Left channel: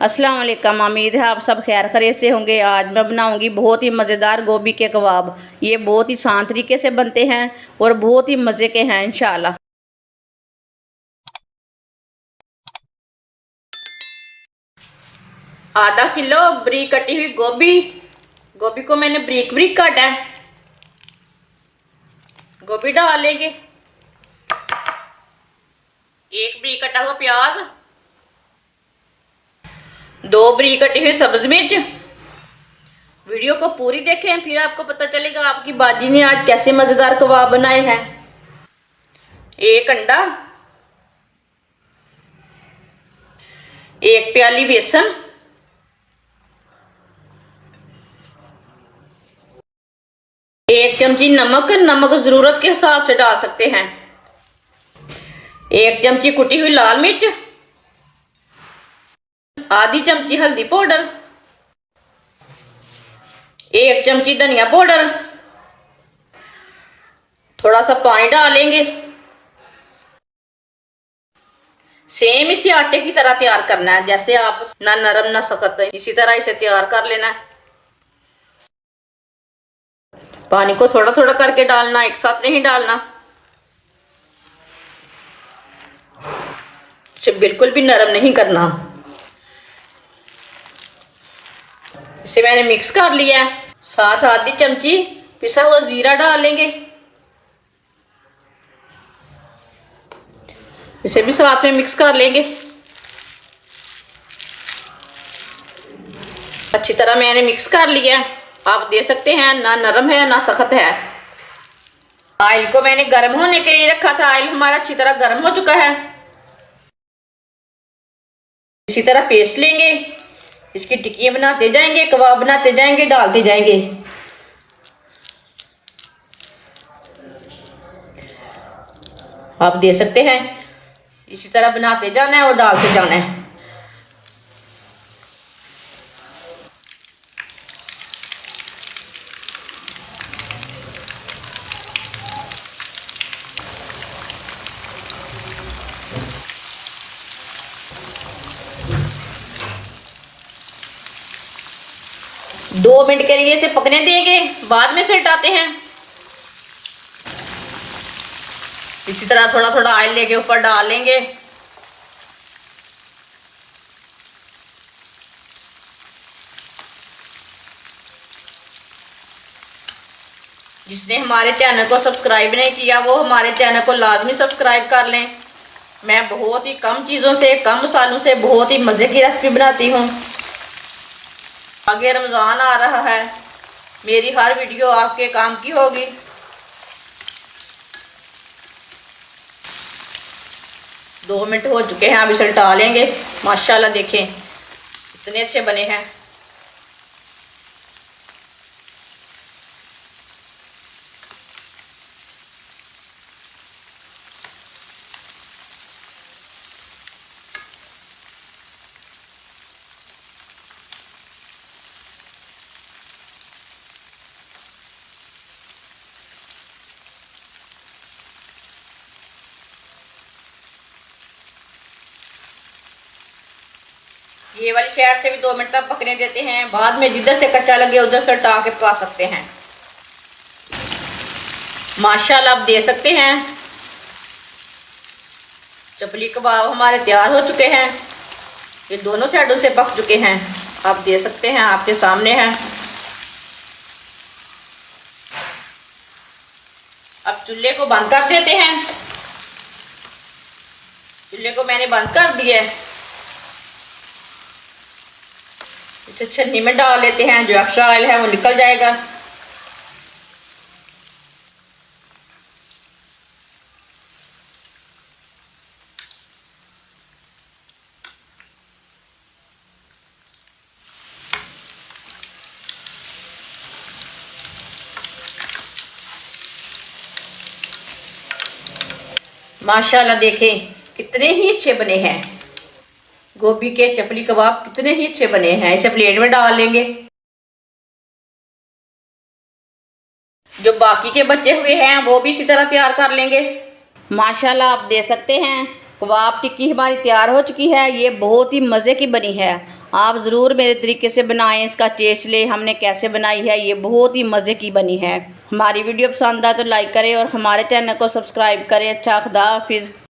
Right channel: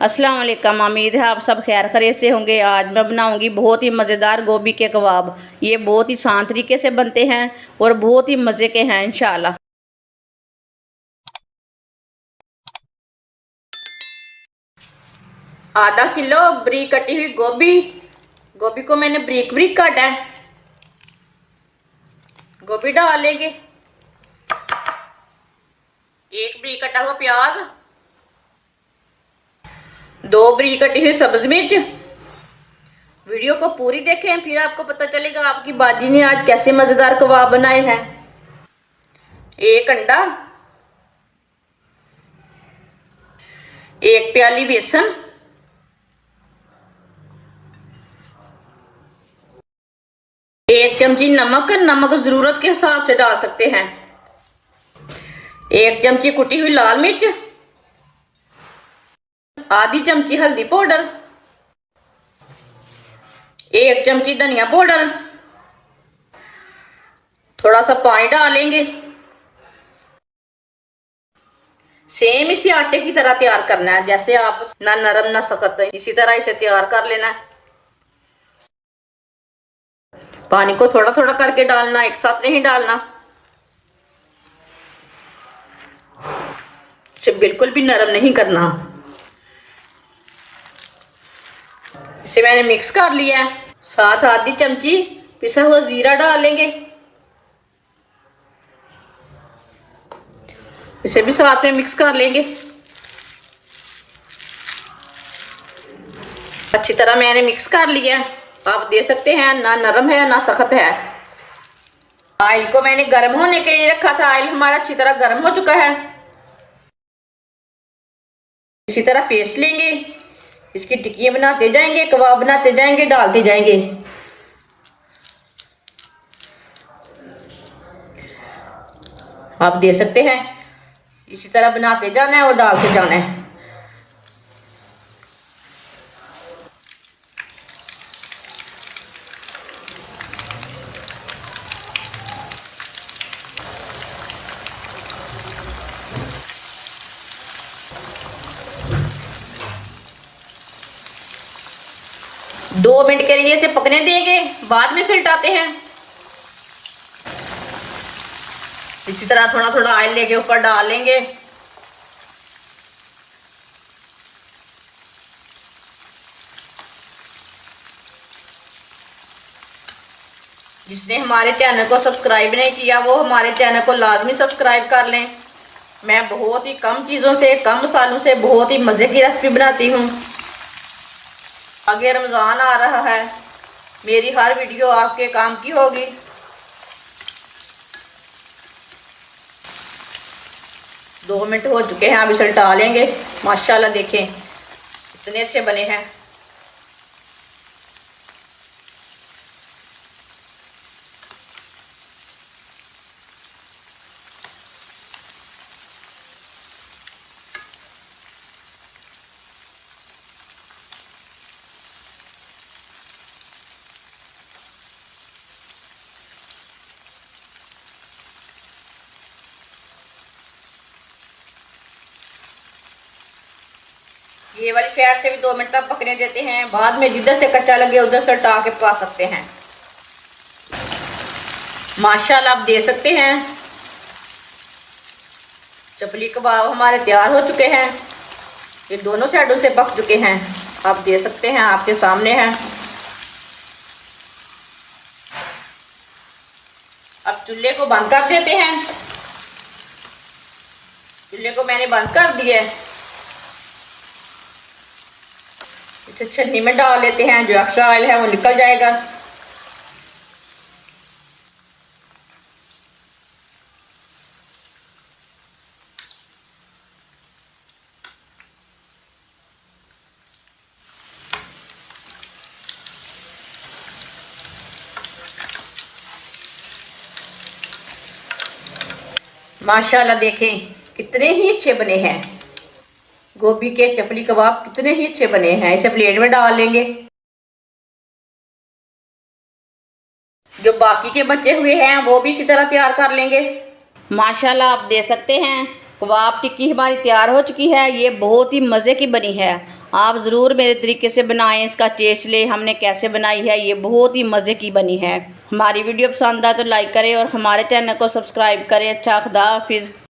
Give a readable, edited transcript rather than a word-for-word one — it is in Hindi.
अस्सलाम वालेकुम। उम्मीद है आप सब खैर खैरियत से होंगे। आज मैं बनाऊंगी बहुत ही मज़ेदार गोभी के कबाब। ये बहुत ही आसान तरीके से बनते हैं और बहुत ही मज़े के हैं इंशाल्लाह। आधा किलो बारीक कटी हुई गोभी को मैंने बारीक बारीक काटा है। गोभी डाल लेंगे। एक बारीक कटा हुआ प्याज, 2 बारीक कटी हुई सब्ज मिर्च। वीडियो को पूरी देखें, फिर आपको पता चलेगा आपकी बाजी ने आज कैसे मजेदार कबाब बनाए हैं। एक अंडा, 1 प्याली बेसन, 1 चमची नमक जरूरत के हिसाब से डाल सकते हैं। 1 चमची कुटी हुई लाल मिर्च, आधी चमची हल्दी पाउडर, 1 चमची धनिया पाउडर। थोड़ा सा पानी डालेंगे। सेम इसे आटे की तरह तैयार करना है, जैसे आप ना नरम ना सख्त, इसी तरह इसे तैयार कर लेना है। पानी को थोड़ा थोड़ा करके डालना, एक साथ नहीं डालना। इसे बिल्कुल भी नरम नहीं करना। इसे मैंने मिक्स कर लिया है। साथ आधी चमची पिसा हुआ जीरा डाल लेंगे। इसे भी साथ में मिक्स कर लेंगे। अच्छी तरह मैंने मिक्स कर लिया। आप देख सकते हैं ना नरम है ना सख्त है। ऑयल को मैंने गर्म होने के लिए रखा था। ऑयल हमारा अच्छी तरह गर्म हो चुका है। इसी तरह पेस्ट लेंगे, इसकी टिक्कियां बनाते जाएंगे, कबाब बनाते जाएंगे, डालते जाएंगे। आप देख सकते हैं इसी तरह बनाते जाना है और डालते जाना है। दो मिनट के लिए इसे पकने देंगे, बाद में उल्टाते हैं। इसी तरह थोड़ा थोड़ा ऑयल लेके ऊपर डाल लेंगे। जिसने हमारे चैनल को सब्सक्राइब नहीं किया वो हमारे चैनल को लाजमी सब्सक्राइब कर लें। मैं बहुत ही कम चीज़ों से, कम मसालों से बहुत ही मज़े की रेसिपी बनाती हूँ। आगे रमज़ान आ रहा है, मेरी हर वीडियो आपके काम की होगी। दो मिनट हो चुके हैं, अब इसे उल्टा लेंगे। माशाल्लाह देखें कितने अच्छे बने हैं। ये वाली साइड से भी 2 मिनट तक पकने देते हैं। बाद में जिधर से कच्चा लगे उधर से उल्टा के पका सकते हैं। माशाल्लाह आप देख सकते हैं चपली कबाब हमारे तैयार हो चुके हैं। ये दोनों साइडों से पक चुके हैं। आप देख सकते हैं, आपके सामने हैं। अब चूल्हे को बंद कर देते हैं। चूल्हे को मैंने बंद कर दिया है। इसे छन्नी में डाल लेते हैं, जो एक्स्ट्रा ऑयल है वो निकल जाएगा। माशाल्लाह देखें कितने ही अच्छे बने हैं। गोभी के चपली कबाब कितने ही अच्छे बने हैं। इसे प्लेट में डाल लेंगे। जो बाकी के बचे हुए हैं वो भी इसी तरह तैयार कर लेंगे। माशाल्लाह आप देख सकते हैं कबाब टिक्की हमारी तैयार हो चुकी है। ये बहुत ही मज़े की बनी है। आप ज़रूर मेरे तरीके से बनाएं, इसका टेस्ट लें हमने कैसे बनाई है। ये बहुत ही मज़े की बनी है। हमारी वीडियो पसंद आए तो लाइक करें और हमारे चैनल को सब्सक्राइब करें। अच्छा, खुदा हाफिज़।